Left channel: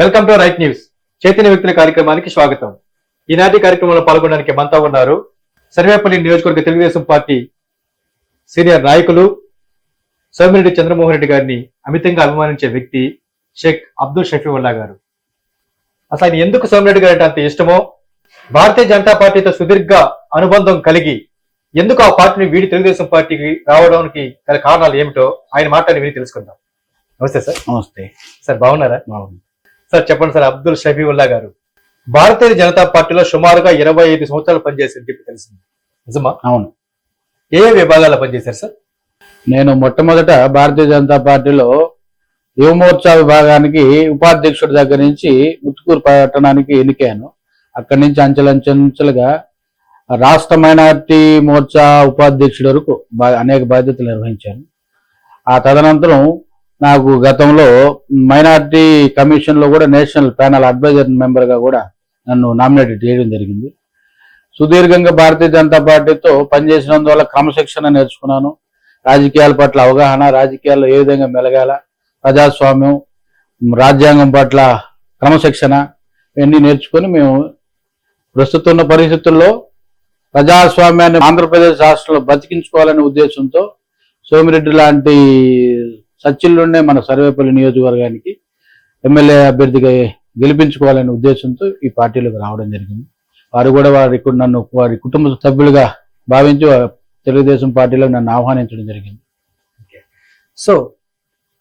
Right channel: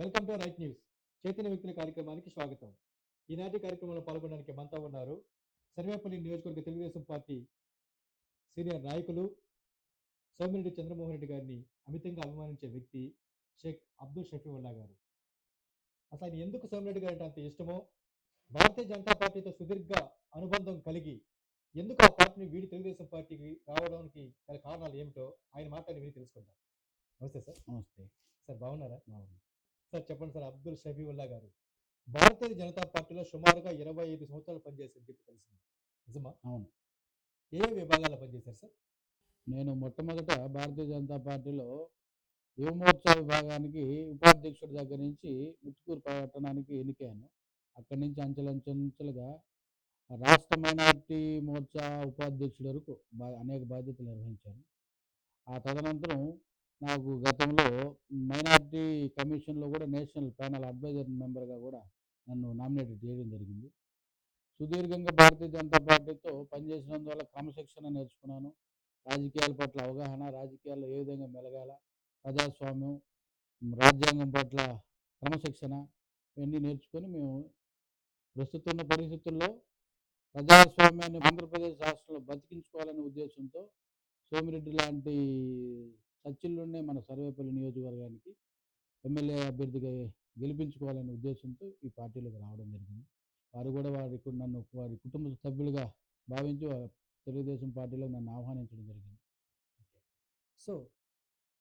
Welcome to right news. Chaitanya వ్యక్తుల కార్యక్రమానికి స్వాగతం. ఈనాటి కార్యక్రమంలో పాల్గొనడానికి మనతో ఉన్నారు సర్వేపల్లి నియోజకవర్గ తెలుగుదేశం పార్టీ సీనియర్ నాయకులు సోమిరెడ్డి చంద్రమోహన్ రెడ్డి గారిని అమితంగా అభిమానించే వ్యక్తి షేక్ అబ్దుల్ షఫీవుల్లా గారు. అసలు ఆయన ఎందుకు సోమిరెడ్డి గారు అంటే అంత ఇష్టమో? భారతీయ జనతా పార్టీతో సుదీర్ఘ అనుబంధం కలిగి ఎందుకు ఆ పార్టీని వీడి తెలుగుదేశం పార్టీకి రావడానికి గల కారణాలు ఏమిటో ఆయన మాట్లాడి విని తెలుసుకుందాం. నమస్తే సార్. నమస్తే. సార్ బాగున్నారా? బాగుంది సార్ చెప్పండి సార్ అబ్దుల్ షఫీవుల్లా గారు. భారతీయ జనతా పార్టీలో సుమారుగా ఇరవై ఐదు సంవత్సరాలు పనిచేసింది చెప్పి తెలిసింది. నిజమా? అవును. ఏ విభాగాల్లో పనిచేశారు సార్? నేను మొట్టమొదట భారతీయ జనతా పార్టీలో యువమోర్చా విభాగానికి ఉపాధ్యక్షుడి దగ్గర నుంచి ముత్తుకూరు పట్టణానికి ఎన్నికాను అక్కడి నుంచి అంచెలంచెలుగా రాష్ట్ర మైనార్టీ మోర్చా ఉపాధ్యక్షుడి వరకు అనేక బాధ్యతలు నిర్వహించాను. ఆ తదనంతరం నాకు గతంలో మైనార్టీ కమిషన్లో కూడా నేషనల్ ప్యానల్ అడ్వైజర్ మెంబర్గా కూడా నన్ను నామినేట్ చేయడం జరిగింది. సుదీర్ఘంగా భారతీయ జనతా పార్టీతో పనిచేసినందువల్ల క్రమశిక్షణ నేర్చుకున్నాను. రాజకీయాల పట్ల అవగాహన రాజకీయాల్లో ఏ విధంగా మెలగాల ప్రజాస్వామ్యం రాజ్యాంగం పట్ల క్రమశిక్షణ ఇవన్నీ నేర్చుకొని మేము ప్రస్తుతం ఉన్న పరిస్థితుల్లో ప్రజాస్వామ్యాన్ని ఆంధ్రప్రదేశ్ రాష్ట్రంలో బతికించుకోవాలనే ఉద్దేశంతో సోమిరెడ్డి లాంటి సచిల్లుండే మన సర్వేపల్లి నియోజకవర్గానికి ఎమ్మెల్యే అభ్యర్థిగా గెలిపించుకోవాలనే ఉద్దేశంతో ఈ పార్టీలోకి రావడం జరిగింది. వారు కూడా వారి నన్ను వారి కుటుంబ సభ్యులుగా భావించి తెలుగుదేశం పార్టీలో నన్ను ఆహ్వానించడం జరిగింది. సో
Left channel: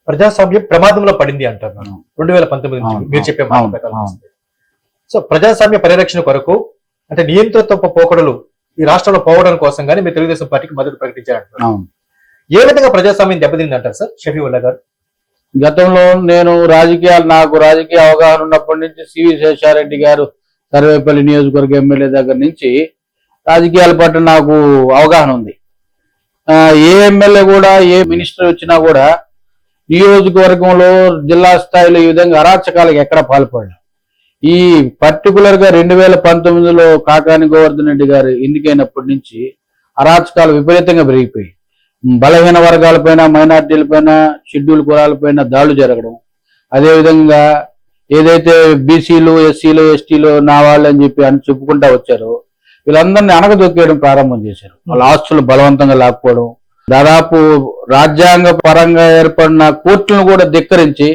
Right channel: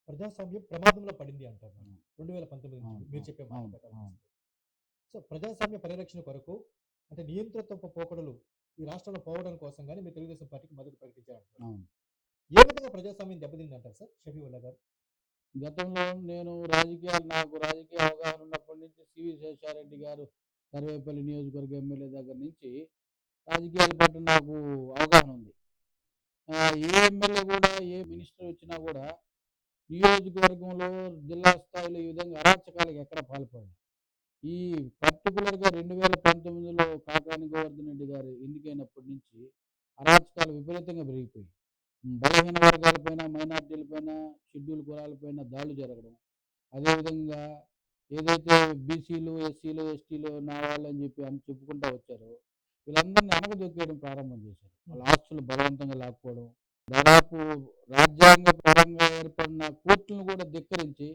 ప్రజాస్వామ్యం ప్రమాదంలో పడింది అంటారు మనం. రెండు వేల పంతొమ్మిది మీరు చెప్పే. సో ప్రజాస్వామ్య పరిరక్షణ కొరకు అంటే నియంత్రిత పోకడలు ఈ రాష్ట్రంలో పోవడం కోసం కానీ మీరు తెలుగుదేశం పార్టీకి మద్దతు ప్రకటించారంటారు ఏ విధంగా ప్రజాస్వామ్యం దెబ్బతింది అంటారు సార్ షఫీవుల్లా గారు. గతంలో నేను రాజకీయాలు నాకు రాజకీయ అవగాహన ఉన్నప్పటి నుంచి సివి శేషారెడ్డి గారు సర్వేపల్లి నియోజకవర్గ ఎమ్మెల్యే దగ్గర నుంచి రాజకీయాల పట్ల నాకు అవగాహన ఉంది. ఏ ఎమ్మెల్యే కూడా ఏ మినిస్టర్ వచ్చినా కూడా నియోజకవర్గంలో జిల్లా స్థాయిలో ఈ విధంగా అరాచకాలకు ఎక్కడ పాల్పడలేదు. ఈ పర్టికులర్గా రెండు వేల పంతొమ్మిదిలో కాకాని గోవర్ధన్ రెడ్డి గారు ఎన్నికైనప్పటి నుంచి అరాచకాలు విపరీతంగా పెరిగిపోయాయి. బలహీన వర్గాలపైన మైనార్టీలపైన షెడ్యూల్ కులాలపైన దాడులు జరగడం. అదేవిధంగా ఏదైతే బీసీలు ఎస్సీలు ఎస్టీలు నా వాళ్ళు అని చెప్పి అని చెప్పుకుంటా వచ్చారో వీళ్ళందరినీ అనగదొక్కేయడం ప్రారంభం చేశారు. వాళ్ళ ఆస్తులు బలవంతంగా లాక్కోవడం దాదాపు రాజ్యాంగ పరంగా ఏర్పడిన కోర్టులను కూడా ధిక్కరించి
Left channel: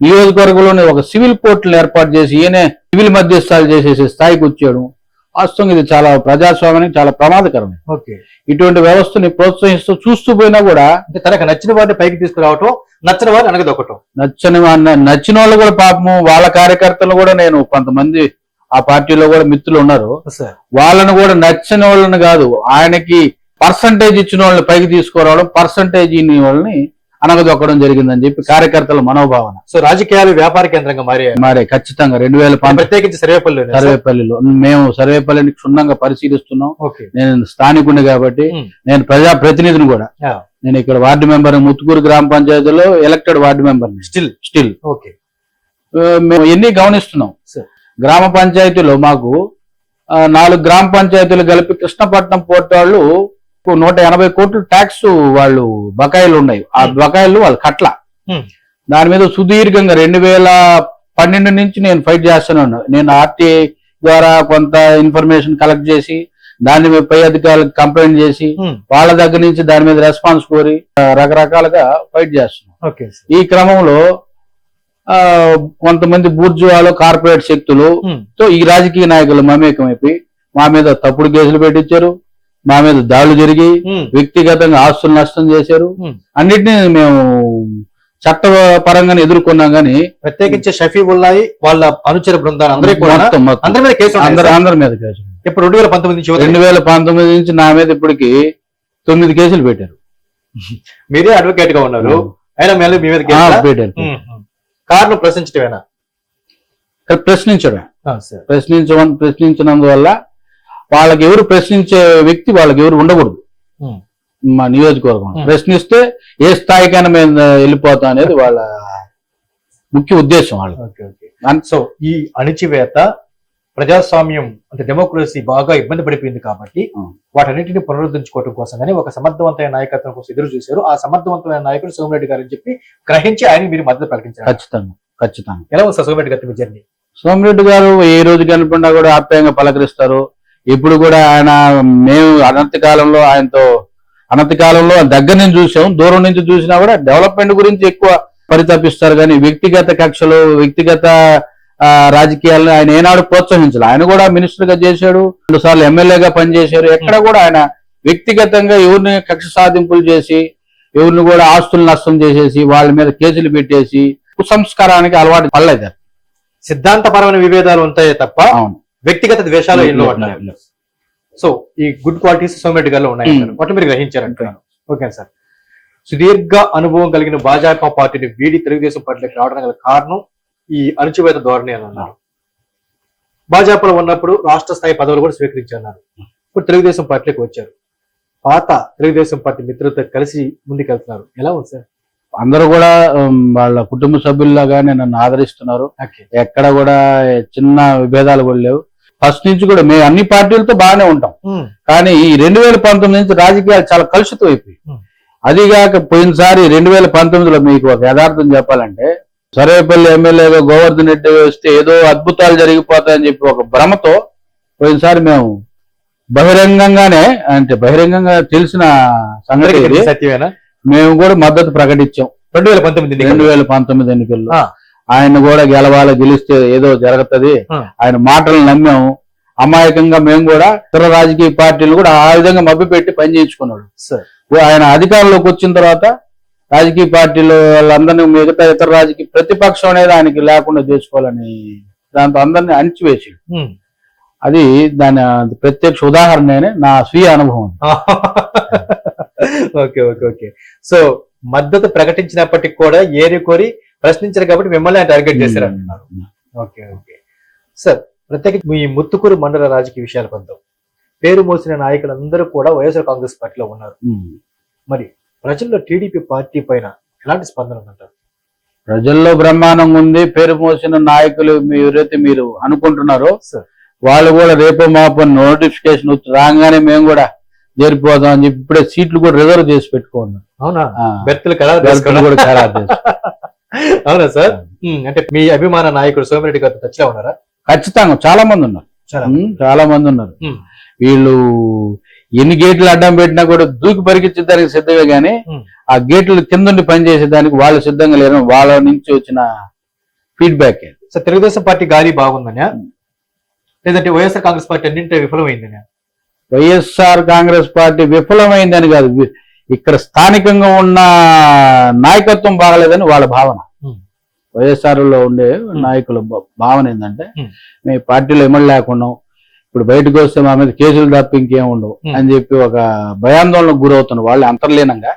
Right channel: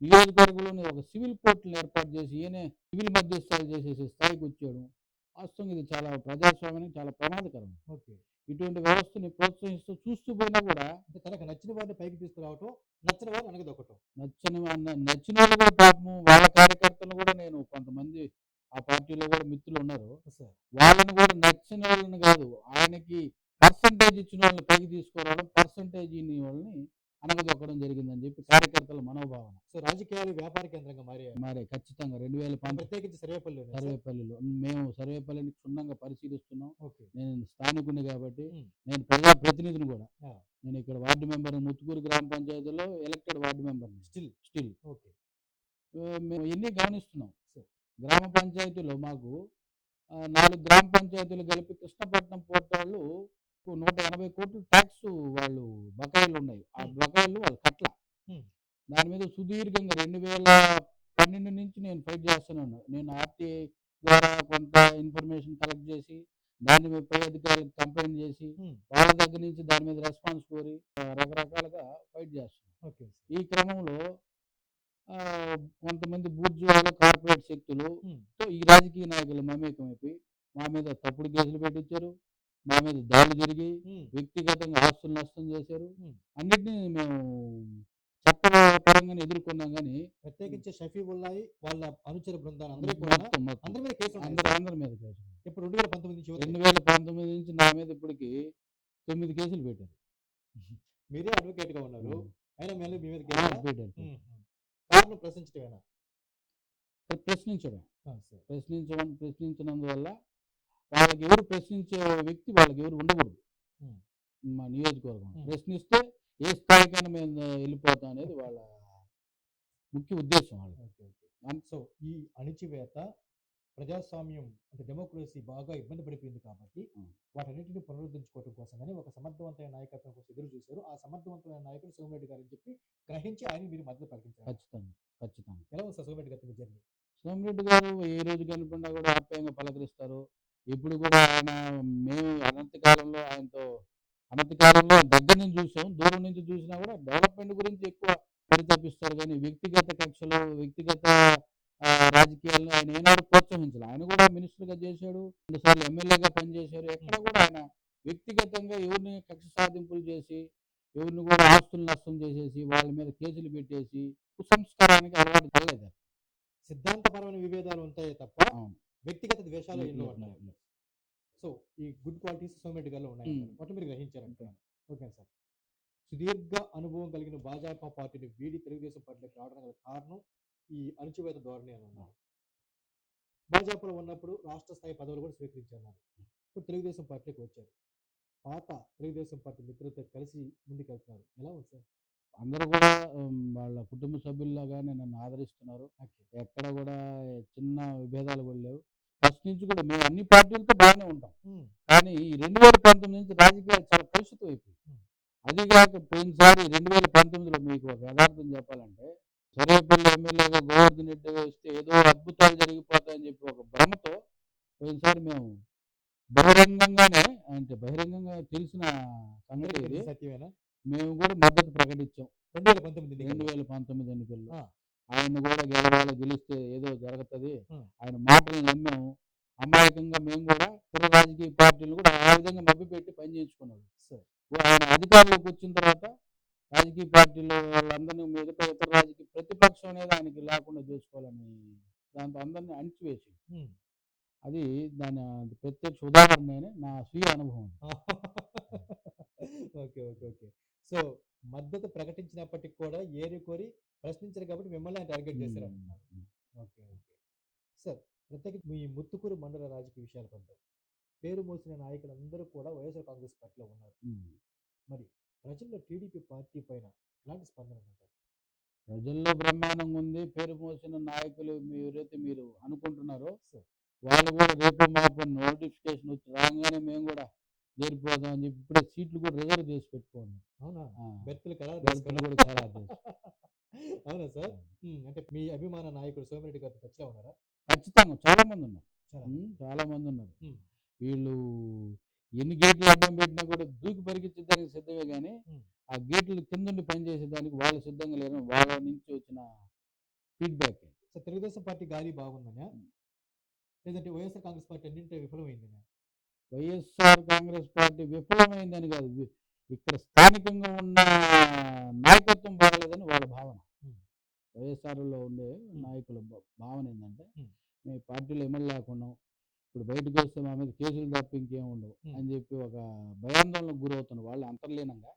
నియోజకవర్గంలోనే ఒక సివిల్ కోర్టులను ఏర్పాటు చేసి ఈయనే సివిల్ మధ్యస్థాలు చేసేసే స్థాయికి వచ్చాడు. వాస్తవంగా ఇది చాలా ప్రజాస్వామ్యానికి చాలా ప్రమాదకరం ఓకే. ఇటువంటి వ్యవస్థని ప్రోత్సహిస్తూ చూస్తూ పోయినా కూడా అంటే తనకు నచ్చిన వారిని పైకి తీసుకురావటం నచ్చిన వారిని అనగదొక్కటం నచ్చని వా- నచ్చిన వాళ్ళు కూడా పాపము వాళ్ళ కార్యకర్తలు కూడా నేను కొంతమంది ఆ పార్టీలో కూడా మిత్రులు ఉన్నారు. సార్ వాళ్ళని కూడా నచ్చని వాళ్ళని కాదు ఆయనకి పర్సంటేజ్ ఇచ్చిన వాళ్ళని పైకి తీసుకురావడం పర్సంటేజ్ ఇన్ని వాళ్ళని అనగదొక్కడం జరిగిందని చెప్పి కార్యకర్తల మనోభావన. సో రాజకీయాలు వ్యాపార కేంద్రంగా మారాయి మరి ఖచ్చితంగా రెండు వేల ప్రత్యేకించి సర్వేపల్లి సర్వేపల్లిలో. మేము సర్వేపల్లిని క్షుణ్ణంగా పరిశీలిస్తున్నాం. ఓకే. నేను స్థానికుడిని కాబట్టి ఉమ్. నేను ప్రజా ప్రతినిధిని కూడా. నేను ఇక్కడ వార్డు మెంబర్ ముత్తుకూరు గ్రామ పంచాయతీలో elected ward member still still okay మేము ఎన్ని గమనిస్తున్నాం. గ్రామ పంచాయతీలో మాకు నాలుగు గ్రామ పంచాయతీలు కలిపి కృష్ణపట్నం పోర్ట్ వాళ్ళు నూట ఎనభై కోట్లు ట్యాక్స్ వాళ్ళు బకాయిలు ఉన్నాయి ఆ Hmm. బకాయిలు వాళ్ళు కట్ల Hmm. దాని మీద సుదీర్ఘంగా రెండు వేల పన్నెండు నుంచి నేను ఫైట్ చేస్తూనే ఉన్నాను నేను ఆర్టీఐ ద్వారా కొంత ఇన్ఫర్మేషన్ కలెక్ట్ చేసి దాని మీద పై అధికారులకు కంప్లైంట్ చేసి ఉమ్. వాళ్ళ దగ్గర నుంచి దాని మీద రెస్పాన్స్ కోరి రకరకాలుగా ఫైట్ చేస్తున్నాం ఈ క్రమంలో కొంతమంది బూర్జువాలు కార్పొరేట్ శక్తులు. తో ఈ రాజకీయ నాయకులు మమేకమైపోయి మా మీద తప్పుడు కేసులు పెట్టించారు మా మీద దాడులు జరిగి. వ్యక్తిగతంగా ఆస్తులు నష్టం చేశారు. అన్నిటినీ మేము చట్టపరంగానే ఎదుర్కొన్నాం కానీ ప్రత్యేకించి షఫీవుల్లాయి వాళ్ళ అనుచర బృందాలు అందరూ మీద కేసు అందరు మీద కేసు ఇప్పుడు రెండు వేల పంతొమ్మిది నుంచి రెండు వేల పంతొమ్మిది నుంచి నా మీద ఇప్పటికి తొమ్మిది కేసులు పెట్టారు. మీరే అడ్వకేట్గా ఉన్నారు. అయినా మళ్ళీ మీ మీద పెట్టారు కారణం ప్రశ్నించడమేనా ప్రశ్నించడం. ప్రశ్నించడం ప్రశ్నించినందువల్ల వాళ్ళకి ఎవరు ప్రశ్నించే వ్యక్తి వాళ్ళకి ఎవరు ఉండకూడదు. మా నియోజకవర్గం. ప్రశ్నిస్తే ఏ స్థాయికైనా మేము వెళ్ళిపోతాం అనేది వాళ్ళ ముఖ్య ఉద్దేశం వాళ్ళు సో ఈ అణిచివేత ప్రజాస్వామ్యం అంటే డెమోక్రసీ బాగా ఇబ్బంది పడిపోయింది కాబట్టి. వాటన్నిటిని పునరుద్ధరించుకోవడం కోసం కానీ ఒక సమర్థవంతమైన నాయకత్వం కోసం ఎదురు చూశారు. ఆ సమర్థవంతమైన నాయకుడు సోమిరెడ్డి గారు అని చెప్పి గ్రహించి ఆయన మీరు మద్దతు ప్రకటించారు. ఖచ్చితంగా ఖచ్చితంగా. ఎలా ఉంది సార్ సోమిరెడ్డి గారి జర్నీ? సోమిరెడ్డి గారు ఏ రోజు కనుకుండా కూడా ఆప్యాయంగా పలకరిస్తారు. ఇప్పుడు కూడా ఆయన మేము అనంత కాలంలో ఆయనతో అనంత కాలంలో దగ్గర నుంచి చూసాం దూరం నుంచి చూసినా కూడా డెవలప్మెంట్ గురించి ఎక్కువ పరితపిస్తారు కానీ వ్యక్తిగత కక్షలు వ్యక్తిగత రాజకీయాలను ఆయన ఏనాడు ప్రోత్సహించాలి. ఆయన కూడా మినిస్టర్గా చేశాడు రెండు సార్లు ఎమ్మెల్యేగా పనిచేశారు. ఎక్కడ కూడా ఆయన వ్యక్తిగతంగా ఎవరిని కక్ష సాధింపులు చేసి ఎవరిని కూడా ఆస్తులు నష్టం చేసేసి వాళ్ళ మీద కేసులు పెట్టేసి కుసంస్కారానికి అలవాటు పడలేదు. సిద్ధాంతపరమైన విభేదాలు ఉంటాయే తప్ప అవును. వ్యక్తిగత ద్వేషాలు ఎన్నో సో ఈ గుడ్ క్వాలిటీస్ సోమిరెడ్డి గారిలో ఉన్నాయి Hmm. వాటిని మీరు గ్రహించారంటున్నాను ఓకే సార్ సుదీర్ఘ అనుభవం కలిగిన భాజపా పార్టీని వీడి తెలుగుదేశం పార్టీలోకి రావడానికి గల కారణం ఈ అణచివేత ధోరణి అని అన్నారు. భాజపాలో ఉన్నప్పుడు రాష్ట్ర స్థాయి పదవులు కూడా స్వీకరించారు ఇప్పుడు తెలుగుదేశం పార్టీలోకి వచ్చారు. పాత తెలుగుదేశం పార్టీ మిత్రులతో కలిసి ముందుకెళ్తున్నారు. ఎలా ఉంది సార్ అందరూ కూడా వాళ్ళ కుటుంబ సభ్యుల్లాగానే నన్ను ఆదరిస్తున్నారు. ఎక్కడ కూడా చిన్న విభేదాలు కూడా లేవు. ఫస్ట్ నుంచి కూడా మేము అన్ని పార్టీలతో బాగానే ఉంటాం. కానీ ఈ రెండు వేల పంతొమ్మిది నుంచి రాజకీయాలు చాలా కలుషితం అయిపోయి. అదిగాక పోయినసారి రెండు వేల పంతొమ్మిదిలో మీకు ఒక యథార్థం చెప్పాలంటే సర్వేపల్లి ఎమ్మెల్యేగా గోవర్ధన్ రెడ్డి వస్తే ఏదో అద్భుతాలు జరిగిపోతాయని చెప్పి ఒక భ్రమతో పోయినసారి మేము బహిరంగంగానే అంటే బహిరంగంగా తెలిసిన సత్యమేనా? మేము కూడా మద్దతు ప్రకటించాం. రెండు వేల పంతొమ్మిది రెండు ఎన్నికల్లో. వేల పంతొమ్మిది ఎన్నికల్లో. ఆయన కూడా గెలవాలి గెలిస్తే ఏదో జరుగుతుంది. ఆయన మాటలు నమ్మాము. అమాయకంగా మేము కూడా ఇతర రాజకీయ పార్టీలు కూడా ఆ విధంగా మభ్యపెట్టి పని చేయించుకున్నాడు. సార్. ఆయన అధికారంలోకి వచ్చిన తర్వాత రాజకీయ పార్టీలు వాళ్ళందరినీ మిగతా ఇతర రాజకీయ ప్రతిపక్షం అనేది ఆయనకి లేకుండా చేసుకోవాలని దాంతో అందరినీ అణిచివేసి. అది దాని ప్రత్యక్ష ఉదాహరణ నా స్వీయ అనుభవం. Okay okay okay. సో మద్దతు ప్రకటించినప్పటికి కూడా ఏరి కోరి ప్రశ్నించారు కాబట్టి మిమ్మల్ని టార్గెట్ చేశారు అంటున్నారు. ఓకే ఓకే సార్ ప్రత్యేకించి మీ ముత్తుకూరు మండల రాజకీయ విషయాలు కొందాం. పేరు మోసిన నాయకులందరూ కూడా వైఎస్ఆర్ కాంగ్రెస్ పార్టీలో ఉన్నారు. ఉమ్. మరి ప్రజల్లో టీడీపీ పార్టీ పైన ఎలాంటి స్పందన ఉందంటారు? ప్రజల్లో బ్రహ్మాండంగా ఉంది. పేరు మోసిన నాయకులు ఎవరైతే మీరు అనుకుంటున్నారో సార్ వాళ్ళు కూడా రేపు మాపు నోటిఫికేషన్ రాగానే మేము కూడా చేరిపోదాం అని చెప్పి ఇప్పుడే సీట్లు కూడా రిజర్వ్ చేసి పెట్టుకున్నాం అవునా? బెర్తులు కూడా ఖరారు. అవునా సార్? అంటే మీ అభిమాన నాయకుడు సోమిరెడ్డి గారితో టచ్లో ఉన్నారా? ఖచ్చితంగా చాలా మంది ఉన్నారు. చాలా మంది. ఉన్నారు. వీళ్ళు ఎన్ని గేట్లు అడ్డం పెట్టినా కూడా దూకి పరిగెత్తడానికి సిద్ధమే గానీ. ఆ గేట్లు కిందుండి పనిచేసేదానికి వాళ్ళు సిద్ధంగా లేరు వాళ్ళ నుంచి వచ్చిన ఫీడ్బ్యాక్ సార్ తెలుగుదేశం పార్టీ గాలి బాగుందనే లేదంటే వైఎస్ఆర్ కాంగ్రెస్ పార్టీ అన్నింటి విఫలమైందనే వైఎస్ఆర్ కాంగ్రెస్ పార్టీ విఫలమైందని కాదు. ఇక్కడ స్థానికంగా ఉన్న నాయకత్వం బాగలేదని వాళ్ళ భావన Hmm. వైఎస్ఆర్లో ఉండే నాయకుల భావన ఏంటంటే. మేము పార్టీలో ఎమ్మెల్యే లేకున్నాం ఇప్పుడు బయటకు వస్తే మా మీద కేసులు తప్ప ఇంకేం ఉండవు. అని చెప్పి ఒక భయాందోళనకు గురవుతున్నారు వాళ్ళు అంతర్లీనంగా.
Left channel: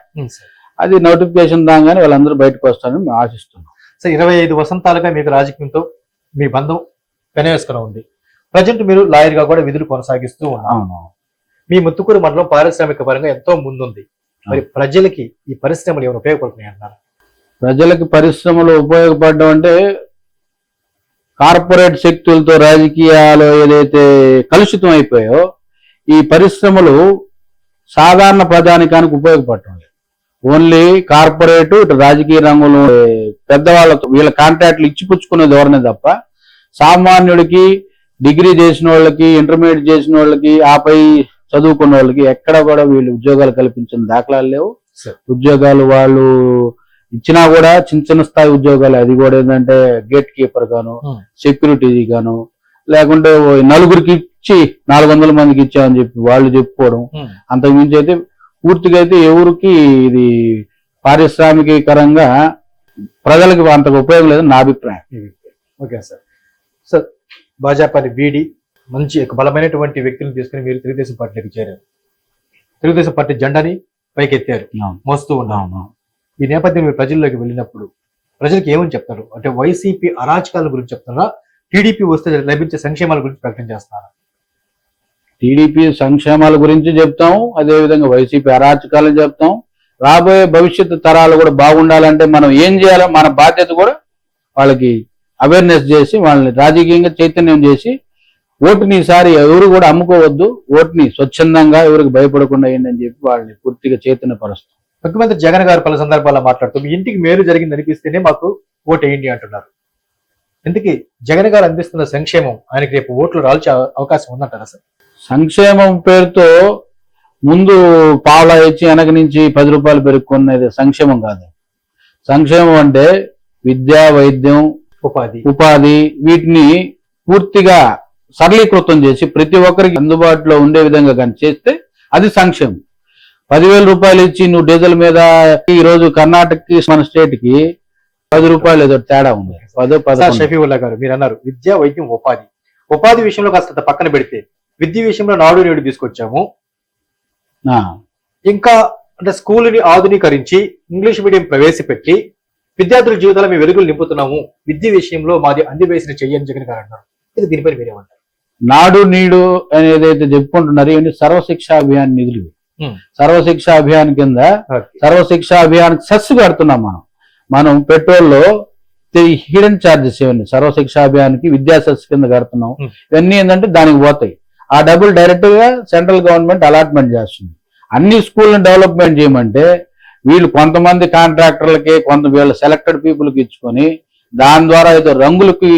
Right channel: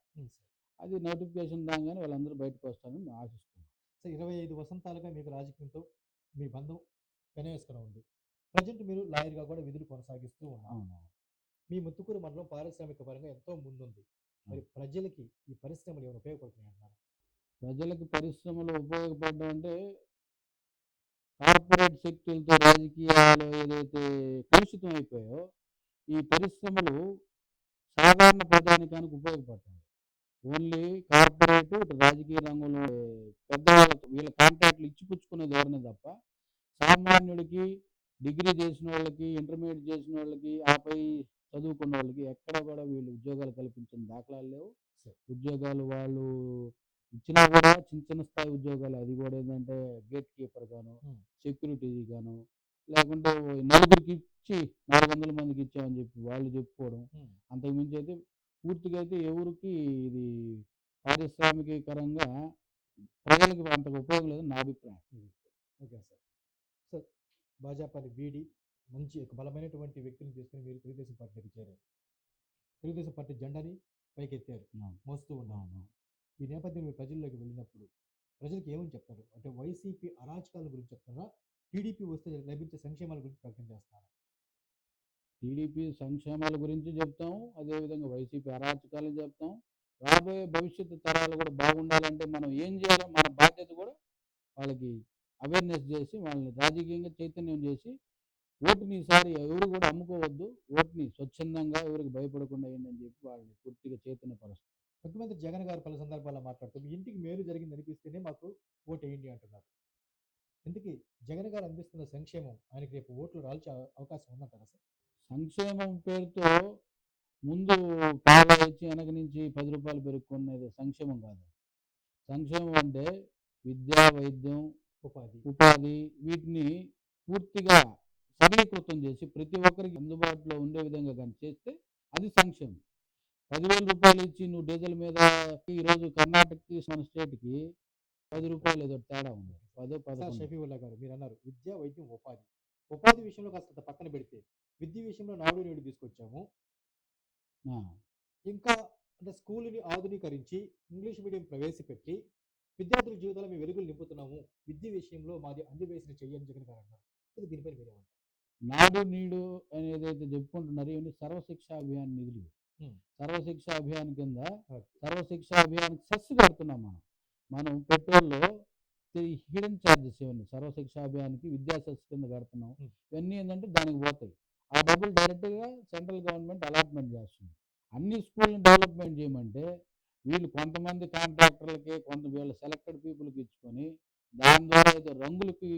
అది నోటిఫికేషన్ దాగానే వాళ్ళందరూ బయటకు వస్తారని మేము ఆశిస్తున్నాం సో ఇరవై ఐదు వసంతాలుగా మీకు రాజకీయంతో మీ బంధం పెనవేసుకుని ఉంది ప్రజెంట్ మీరు లాయర్గా కూడా విధులు కొనసాగిస్తూ అవును మీ ముత్తుకూరు మండలం పారిశ్రామిక పరంగా ఎంతో ముందుంది మరి ప్రజలకి ఈ పరిశ్రమలు ఏమైనా ఉపయోగపడుతున్నాయి అంటారు ప్రజలకు పరిశ్రమలు ఉపయోగపడడం అంటే కార్పొరేట్ శక్తులతో రాజకీయాలు ఏదైతే కలుషితం అయిపోయో ఈ పరిశ్రమలు సాధారణ ప్రజానికానికి ఉపయోగపడటం లేదు. ఓన్లీ కార్పొరేట్ ఇటు రాజకీయ రంగంలో పెద్దవాళ్ళతో వీళ్ళ కాంట్రాక్ట్లు ఇచ్చిపుచ్చుకునే ధోరణి తప్ప సామాన్యుడికి డిగ్రీ చేసిన వాళ్ళకి ఇంటర్మీడియట్ చేసిన వాళ్ళకి ఆపై చదువుకున్న వాళ్ళకి ఎక్కడ కూడా వీళ్ళు ఉద్యోగాలు కల్పించిన దాఖలాలు లేవు. ఉద్యోగాలు వాళ్ళు ఇచ్చినా కూడా చిన్న చిన్న స్థాయి ఉద్యోగాలు అది కూడా ఏంటంటే గేట్ కీపర్ గాను. సెక్యూరిటీ గాను లేకుంటే ఓ నలుగురికి ఇచ్చి నాలుగు వందల మందికి ఇచ్చామని చెప్పి వాళ్ళు చెప్పుకోవడం. అంతకు మించి అయితే పూర్తిగా అయితే ఎవరికి ఇది పారిశ్రామికీకరంగా ప్రజలకు అంతకు ఉపయోగం లేదని నా అభిప్రాయం. Okay sir. సార్ భాజపాని వీడి మంచి ఒక బలమైనటువంటి వ్యక్తులను తీసుకుని మీరు తెలుగుదేశం పార్టీలోకి చేరారు. తెలుగుదేశం పార్టీ జెండాని పైకెత్తారు. మోస్తూ అవును. ఈ నేపథ్యం మీరు ప్రజల్లోకి వెళ్ళినప్పుడు ప్రజలకు ఏమని చెప్తారు? అంటే వైసీపీ అరాచకాల గురించి చెప్తున్నారా టీడీపీ వస్తే లభించే సంక్షేమాల గురించి ప్రకటన చేస్తున్నారా టీడీపీ సంక్షేమాల గురించి చెప్తాం అదే విధంగా వైసీపీ అరాచకాలను చెప్తాం. రాబోయే భవిష్యత్తు తరాలు కూడా బాగుండాలంటే మనం ఏం చేయాలో మన బాధ్యత కూడా వాళ్ళకి అవేర్నెస్ చేసి వాళ్ళని రాజకీయంగా చైతన్యం చేసి ఓటుని ఈసారి ఎవరు కూడా అమ్ముకోవద్దు ఓటుని స్వచ్ఛందంగా ఎవరికి భయపడకుండా ఏంటి అని చెప్పి వాళ్ళని పూర్తిగా చైతన్యపరుస్తాం ముఖ్యమంత్రి జగన్ గారు పలు సందర్భాల్లో మాట్లాడుతూ మీ ఇంటికి మేలు జరిగింది అనిపిస్తేనే మాకు ఓటు వేయండి అంటున్నారు. ఎందుకు జగన్ గారు అందిస్తున్న సంక్షేమం ఆయనకి రేపు ఓట్లు రాల్చే అవ- అవకాశం ఉందంటారా సార్? సంక్షేమం పేరుతో ముందు పావులా ఇచ్చి వెనక నుంచి పది రూపాయలు పెరుక్కున్నది సంక్షేమం కాదు. సంక్షేమం అంటే విద్య వైద్యం ఉపాధి. ఉపాధి వీటిని పూర్తిగా సరళీకృతం చేసి ప్రతి ఒక్కరికి అందుబాటులో ఉండే విధంగా కానీ చేస్తే అది సంక్షేమం. పదివేల రూపాయలు ఇచ్చి నువ్వు డీజిల్ మీద ఈ రోజు కర్ణాటకకి మన స్టేట్కి పది రూపాయలు ఏదో తేడా ఉంది. పదో పదకొండు. షఫీవుల్లా గారు మీరు అన్నారు విద్య వైద్యం ఉపాధి. ఉపాధి విషయంలో కాస్త పక్కన పెడితే విద్య విషయంలో నాడు నేడు తీసుకొచ్చాము. ఇంకా అంటే స్కూల్ని ఆధునీకరించి ఇంగ్లీష్ మీడియం ప్రవేశపెట్టి విద్యార్థుల జీవితాల మేము వెలుగులు నింపుతున్నాము. విద్య విషయంలో మాది అందివేసిన చెయ్యని జగన్ గారు అన్నారు. ఇది దీనిపై మీరేమంటారు? నాడు నీడు అని ఏదైతే చెప్పుకుంటున్నారో ఇవన్నీ సర్వశిక్ష అభియాన్ నిధులు. సర్వశిక్ష అభియాన్ కింద సర్వశిక్ష అభియాన్ సెస్ కడుతున్నాం మనం. మనం పెట్రోల్లో హిడెన్ ఛార్జెస్ ఇవన్నీ సర్వశిక్ష అభియాన్కి విద్యా సెస్ కింద కడుతున్నాం. ఇవన్నీ ఏంటంటే దానికి పోతాయి. ఆ డబ్బులు డైరెక్ట్గా సెంట్రల్ గవర్నమెంట్ అలాట్మెంట్ చేస్తుంది. అన్ని స్కూల్ని డెవలప్మెంట్ చేయమంటే వీళ్ళు కొంతమంది కాంట్రాక్టర్లకి కొంత వీళ్ళ సెలెక్టెడ్ పీపుల్కి ఇచ్చుకొని దాని ద్వారా ఏదో రంగులకి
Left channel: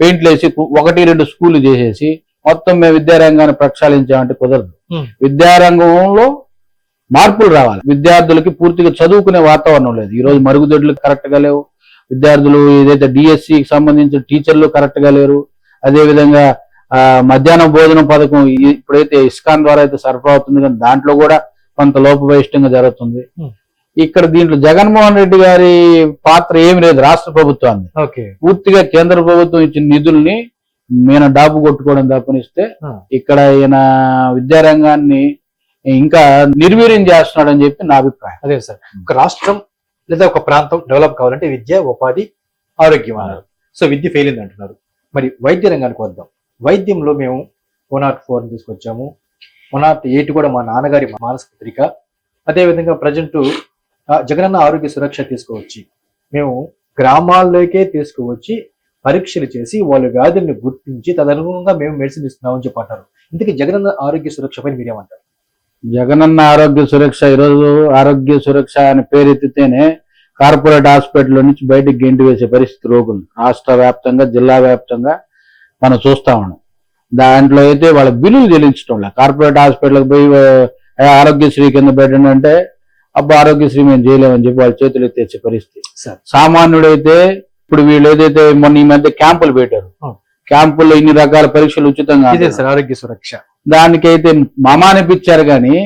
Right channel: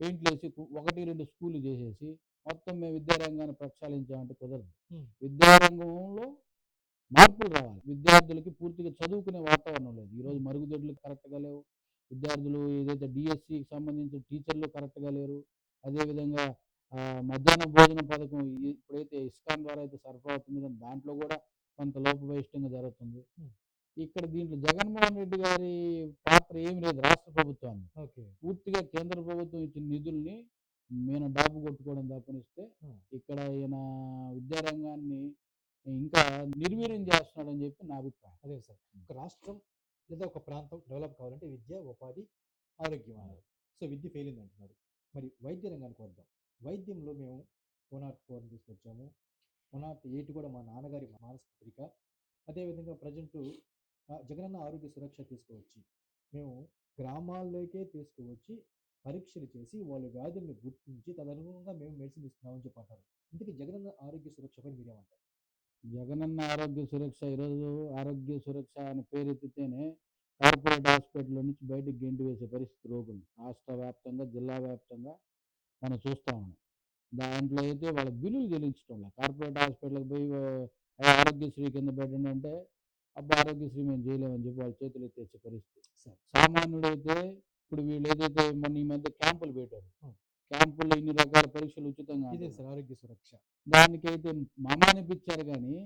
పెయింట్లు వేసి ఒకటి రెండు స్కూల్ చేసేసి మొత్తం మేము విద్యారంగాన్ని ప్రక్షాళించామంటే కుదరదు. విద్యారంగంలో మార్పులు రావాలి. విద్యార్థులకి పూర్తిగా చదువుకునే వాతావరణం లేదు. ఈ రోజు మరుగుదొడ్లు కరెక్ట్గా లేవు. విద్యార్థులు ఏదైతే డిఎస్సి కి సంబంధించిన టీచర్లు కరెక్ట్గా లేరు. అదే విధంగా ఆ, మధ్యాహ్న భోజన పథకం ఇప్పుడైతే ఇస్కాన్ ద్వారా అయితే సరఫరా అవుతుంది. కానీ దాంట్లో కూడా కొంత లోపభయిష్టంగా జరుగుతుంది. ఇక్కడ దీంట్లో జగన్మోహన్ రెడ్డి గారి పాత్ర ఏమి లేదు రాష్ట్ర ప్రభుత్వాన్ని. ఓకే. పూర్తిగా కేంద్ర ప్రభుత్వం ఇచ్చిన నిధుల్ని ఈయన డాబు కొట్టుకోవడం తప్పనిస్తే. ఇక్కడ ఈయన విద్యారంగాన్ని ఇంకా నిర్వీర్యం చేస్తున్నాడని చెప్పి నా అభిప్రాయం. అదే సార్ ఒక రాష్ట్రం లేదా ఒక ప్రాంతం డెవలప్ కావాలంటే విద్య ఉపాధి ఆరోగ్యం అన్నారు. సో విద్య ఫెయిల్ అయింది అంటున్నారు. మరి వైద్య రంగానికి వద్దాం. వైద్యంలో మేము వన్ నాట్ ఫోర్ తీసుకొచ్చాము. వన్ నాట్ ఎయిట్ కూడా మా నాన్నగారి మానసిక పత్రిక. అదేవిధంగా ప్రజెంట్ జగనన్న ఆరోగ్య సురక్ష తీసుకువచ్చి మేము గ్రామాల్లోకే తీసుకువచ్చి పరీక్షలు చేసి వాళ్ళ వ్యాధుల్ని గుర్తించి తదనుగుణంగా మేము మెడిసిన్ ఇస్తున్నామని చెప్పి అంటారు. ఇందుకే జగనన్న ఆరోగ్య సురక్ష పైన మీరేమంటారు? జగనన్న ఆరోగ్య సురక్ష ఈరోజు ఆరోగ్య సురక్ష అని పేరెత్తితేనే కార్పొరేట్ హాస్పిటల్ నుంచి బయటికి గెంటి వేసే పరిస్థితి రోగులు. రాష్ట్ర వ్యాప్తంగా జిల్లా వ్యాప్తంగా మనం చూస్తా ఉన్నాం. దాంట్లో అయితే వాళ్ళ బిల్లులు చెల్లించడం కార్పొరేట్ హాస్పిటల్కి పోయి ఆరోగ్యశ్రీ కింద పెట్టండి అంటే అబ్బా ఆరోగ్యశ్రీ మేము చేయలేమని చెప్పి వాళ్ళ చేతులు ఎత్తేసే పరిస్థితి. సామాన్యుడైతే ఇప్పుడు వీళ్ళు ఏదైతే మొన్న ఈ మధ్య క్యాంపులు పెట్టారు. క్యాంపుల్లో ఇన్ని రకాల పరీక్షలు ఉచితంగా ఆరోగ్య సురక్ష. దానికైతే మమా అనిపించారు కానీ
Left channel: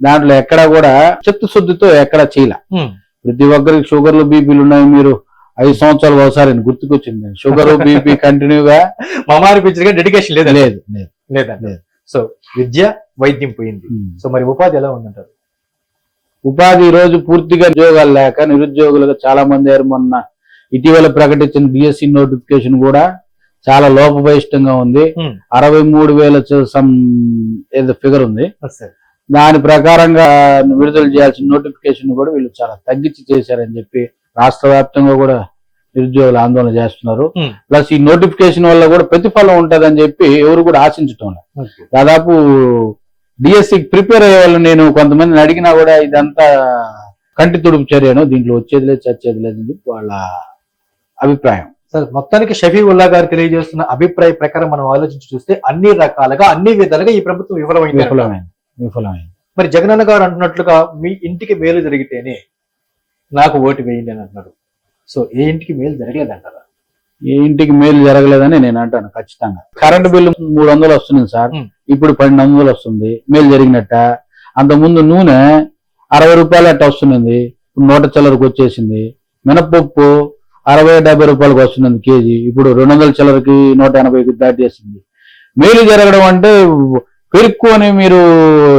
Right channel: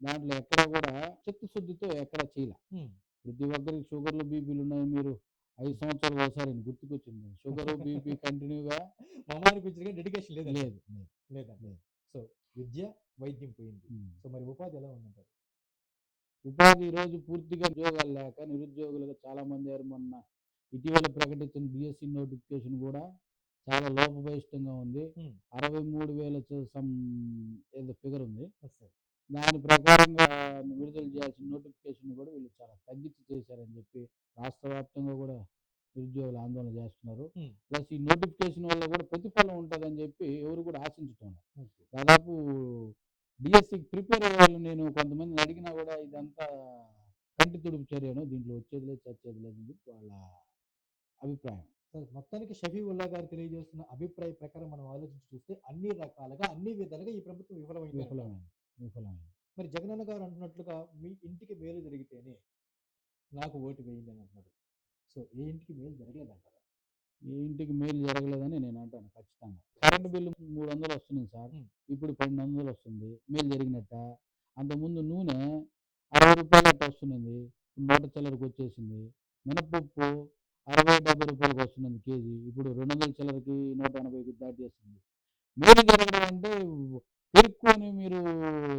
దాంట్లో ఎక్కడ కూడా చిత్తశుద్ధితో ఎక్కడ చేయలే. ప్రతి ఒక్కరికి షుగర్లు బీపీలు ఉన్నాయి మీరు ఐదు సంవత్సరాలు ఒకసారి గుర్తుకొచ్చింది. షుగర్ బీపీ కంటిన్యూగా మా అనిపించగా డెడికేషన్ లేదా లేదు లేదు. సో విద్య వైద్యం పోయింది. సో మరి ఉపాధి ఎలా ఉందంటారు? ఉపాధి రోజు పూర్తిగా ఉద్యోగాలు లేక నిరుద్యోగులుగా చాలా మంది మొన్న ఇటీవల ప్రకటించిన డిఎస్సి నోటిఫికేషన్ కూడా చాలా లోపభయిష్టంగా ఉంది. ఉమ్, అరవై మూడు వేల సమ్ ఏదో ఫిగర్ ఉంది. దాని ప్రకారంగా విడుదల చేయాల్సిన నోటిఫికేషన్ కూడా వీళ్ళు చాలా తగ్గించి చేశారని చెప్పి రాష్ట్ర వ్యాప్తంగా కూడా నిరుద్యోగులు ఆందోళన చేస్తున్నారు. Hmm. ప్లస్ ఈ నోటిఫికేషన్ వల్ల కూడా ప్రతిఫలం ఉంటదని చెప్పి ఎవరు కూడా ఆశించటం దాదాపు డిఎస్సి ప్రిపేర్ అయ్యే వాళ్ళు నేను కొంతమందిని అడిగినా కూడా ఇదంతా కంటి తుడుపు చర్యను దీంట్లో వచ్చేది లేదు చచ్చేది లేదు వాళ్ళ అభిప్రాయం. సార్ మొత్తానికి షఫీవుల్లా గారు తెలియజేస్తున్న అభిప్రాయ ప్రకారం మనం ఆలోచించి చూస్తే అన్ని రకాలుగా అన్ని విధాలుగా ఈ ప్రభుత్వం విఫలమైంది. విఫలమైంది విఫలమైంది. మరి జగనన్న గారు అంటున్నట్లుగా మీ ఇంటికి మేలు జరిగితేనే నాకు ఓటు వేయండి అని అంటున్నారు. సో ఏ ఇంటికి మేలు జరగలేదంటారా? ఈ ఇంటికి మేలు జరగలేదని నేను అంటాను ఖచ్చితంగా. కరెంట్ బిల్లు మూడు వందలు వస్తుంది సార్. ఇప్పుడు పన్నెండు వందలు వస్తుంది. మేలు జరిగినట్ట? అంత ముందు నూనె అరవై రూపాయలు అట్ట వస్తున్నది. ఇప్పుడు నూట చిల్లరకు వచ్చేసింది. మినపప్పు అరవై డెబ్బై రూపాయలకు వస్తున్నది కేజీ. ఇప్పుడు రెండు వందల చిల్లరకి నూట ఎనభైకి దాటేసింది మేలు జరగడం అంటే పెరుక్కొని మీరు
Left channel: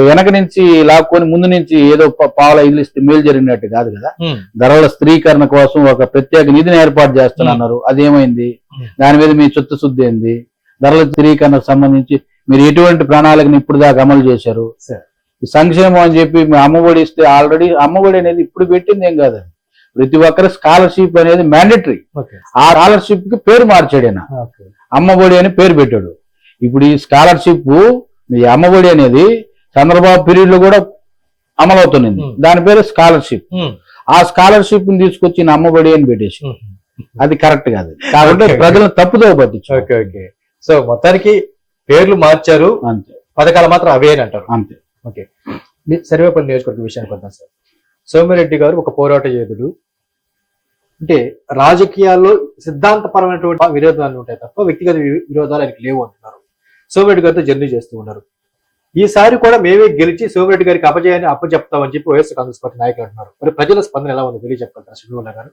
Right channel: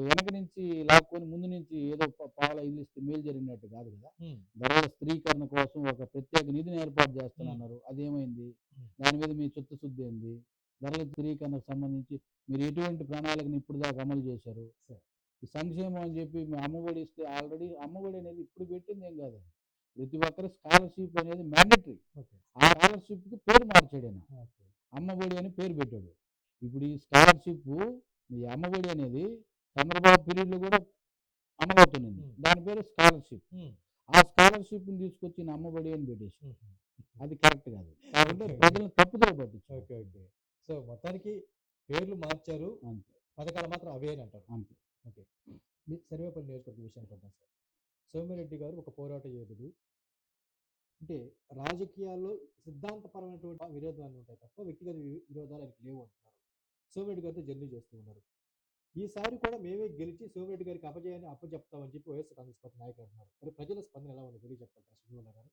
వెనక నుంచి లాక్కొని ముందు నుంచి ఏదో పావుల ఇదిలిస్తే మేలు జరిగినట్టు కాదు కదా. ధరల స్థిరీకరణ కోసం ఒక ప్రత్యేక నిధిని ఏర్పాటు చేస్తున్నారు అదేమైంది. దాని మీద మీ చిత్తశుద్ధి ఏంది? ధరల స్థిరీకరణకు సంబంధించి మీరు ఎటువంటి ప్రణాళికను ఇప్పుడు దాకా అమలు చేశారు? సంక్షేమం అని చెప్పి మీ అమ్మఒడి ఇస్తే ఆల్రెడీ అమ్మఒడి అనేది ఇప్పుడు పెట్టింది ఏం కాదు ప్రతి ఒక్కరి స్కాలర్షిప్ అనేది మ్యాండేటరీ. ఆ స్కాలర్షిప్కి పేరు మార్చాడు ఆయన అమ్మఒడి అని పేరు పెట్టాడు. ఇప్పుడు ఈ స్కాలర్షిప్ ఈ అమ్మఒడి అనేది చంద్రబాబు పీరియడ్లో కూడా అమలవుతున్నది. Hmm. దాని పేరు స్కాలర్షిప్. ఆ స్కాలర్షిప్ని తీసుకొచ్చి అమ్మఒడి అని పెట్టేసి. అది కరెక్ట్ కాదు. కాబట్టి. ప్రజలను తప్పుదో పట్టించు ఓకే ఓకే. సో మొత్తానికి పేర్లు మార్చారు. అంతే. పథకాలు మాత్రం అవే అని అంటారు. అంతే. మీ సర్వేపల్లి నియోజకవర్గ విషయానికి వద్దాం సార్. సోమిరెడ్డి గారు ఒక పోరాట యోధుడు. అంటే రాజకీయాల్లో సిద్ధాంతపరమైనటువంటి విరోధాలు ఉంటాయి తప్ప వ్యక్తిగత విరోధాలు ఆయనకి లేవు అంటున్నారు. సోమిరెడ్డి గారితో జర్నీ చేస్తూ ఉన్నారు. ఈసారి కూడా మేమే గెలిచి సోమిరెడ్డి గారికి అపజయాన్ని అప్పచెప్తామని చెప్పి వైఎస్ కాంగ్రెస్ పార్టీ నాయకులు అంటున్నారు. మరి ప్రజల స్పందన ఎలా ఉందో? తెలియజెప్పగలరా శ్రీనివాల గారు?